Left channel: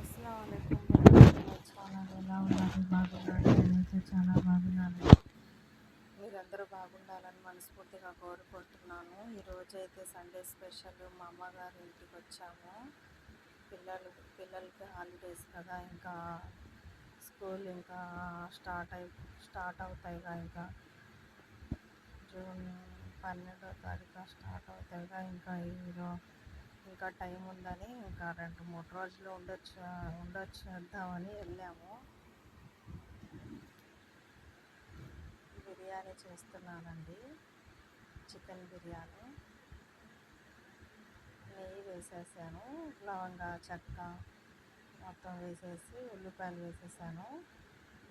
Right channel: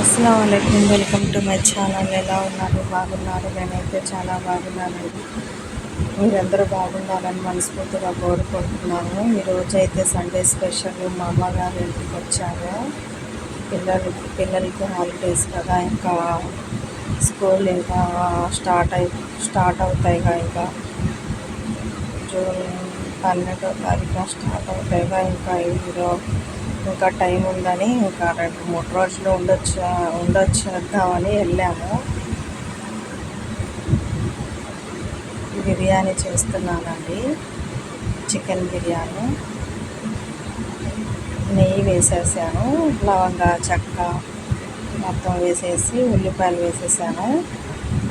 అస్సలాముఅలైకుం, welcome to my channel. ఎలా ఉన్నారు? బాగున్నారు? నేనైతే చాలా బాగున్నానండి. మీరందరూ బాగుండాలని మనస్ఫూర్తిగా కోరుకుంటున్నాను. ఈరోజు అయితే సండే స్పెషల్ మా అమ్మగారి ఇంటికి వచ్చాము. పిల్లలకి హాలిడేస్ కదా, ఇంకా స్కూల్ ఇంకా స్టార్ట్ అవుతాయిగా. ఇంకా జూన్ 12వ తారీఖున స్టార్ట్ అవుతాయిగా. ఇంకా టైం ఉందని ఇంకా 2-3 రోజులు ఉండొచ్చేద్దామని వెళ్ళాము. బిర్యానీ చేస్తున్నానండి, చికెన్ బిర్యానీ. నెయ్యి వేసేసాను, లవంగా చెక్క మొత్తం వేసేసి ఉల్లిపాయలు వేసేసాను.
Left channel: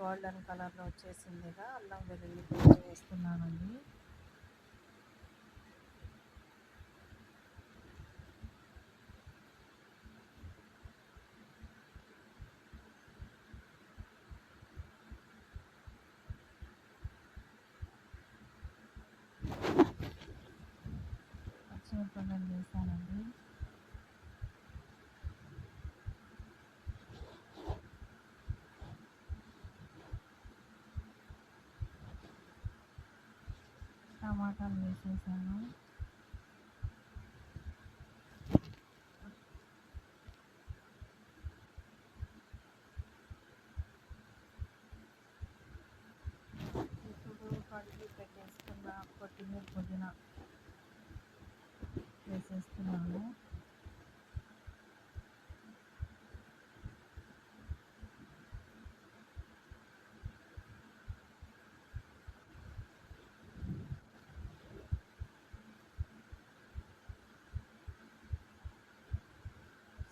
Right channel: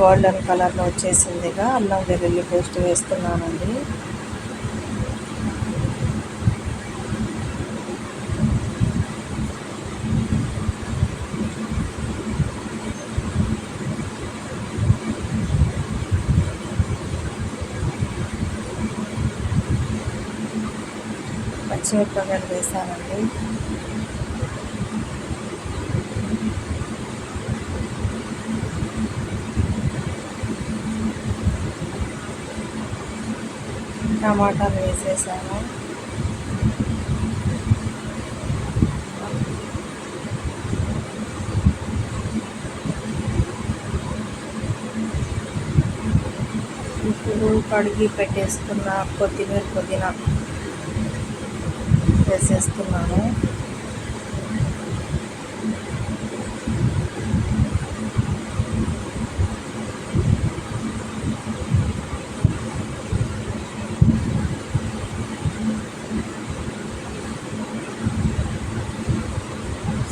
గోల్డెన్ కలర్లో వచ్చేసిందిగా. అల్లం వెల్లుల్లి పేస్ట్ వేస్తున్నానండి. పచ్చిమిరపకాయలు వేసానండి. టమాటాలు వేసేసాను. ఇప్పుడు కడిగి పెట్టేసుకున్న పుదీనా వేసేస్తున్నాను.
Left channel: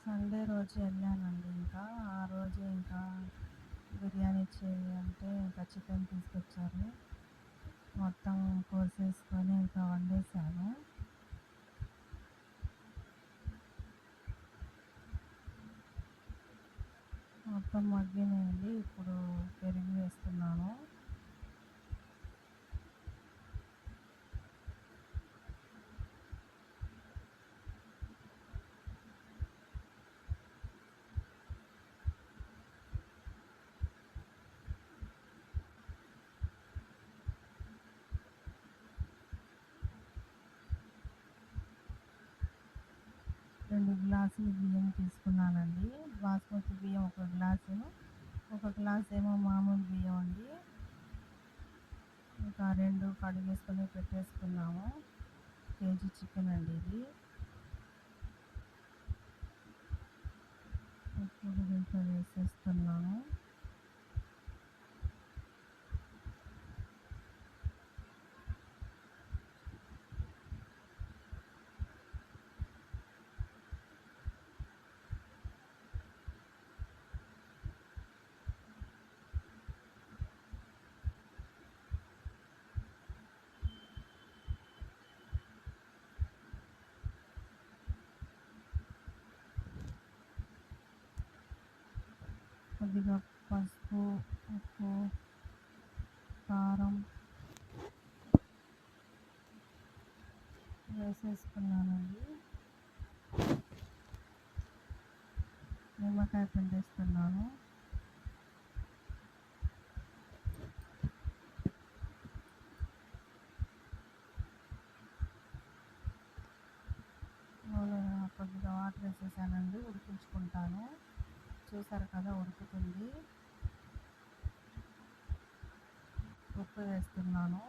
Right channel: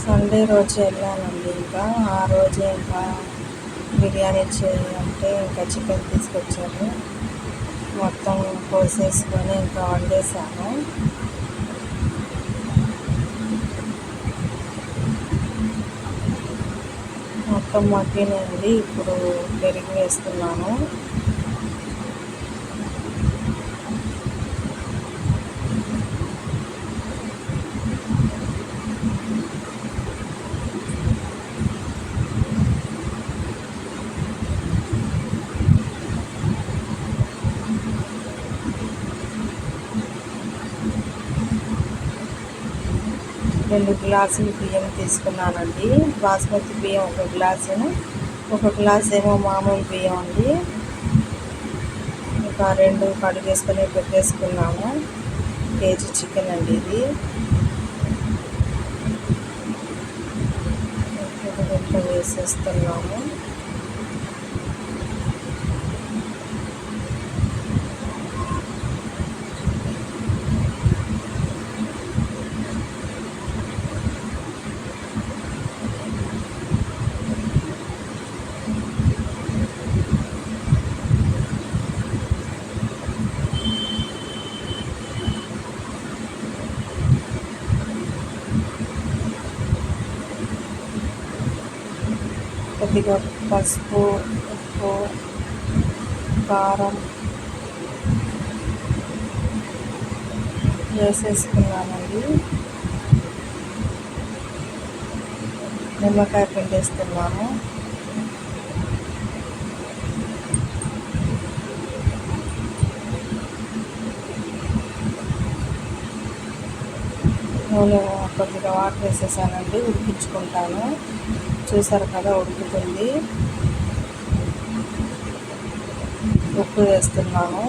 సండే రోజు వెళ్ళానండి. ఇంకా ఆ రోజే ఇంకా బిర్యానీ చేయాలంటే ఇంకా చికెన్ తీసుకొచ్చారు. మొత్తం కోసేసుకొని ఇంకా వండేసాను. మొత్తం మగ్గినండి. ఇప్పుడు పెరుగు వేస్తున్నాను. రెండు గ్లాసులు బియ్యం తీసుకున్నానండి. బాస్మతి బియ్యం 1 గ్లాసును, 1 గ్లాస్ ఏమో మామూలు బియ్యం అండి. ఇంకా 2 కడిగేసుకొని పెట్టేసుకున్నాము. కేజీ చికెన్ అండి ఇది. దీంట్లో వేసేస్తున్నాము. కొద్దిగా పసుపు, ఉప్పు, కారం వేసేసుకున్నానండి. నిమ్మకాయ పిండేస్తున్నాను. నూనె కొద్దిగా వాటర్ వేసేసానండి. ఉడికించుకుంటాను. చూసారు కదా, ఉడుకుతుంది. ఉప్పు వేస్తున్నాను.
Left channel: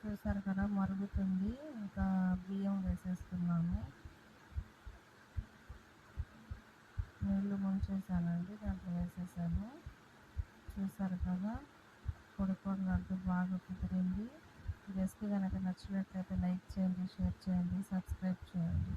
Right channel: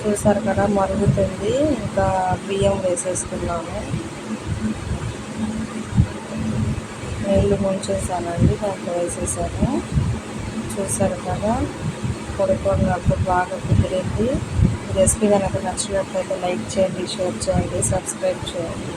చూసారు కదా, మరుగుతుంది. ఇంకా బియ్యం వేసేస్తున్నాను. నీళ్ళు ముంచేసానండి, దాంట్లో వేసేసాను. చూసారు కదా, పొడి బాగా కుదిరింది. రెసిపీ కనుక నచ్చినట్లయితే లైక్ చేయండి, షేర్ చేయండి, సబ్స్క్రైబ్ చేయండి.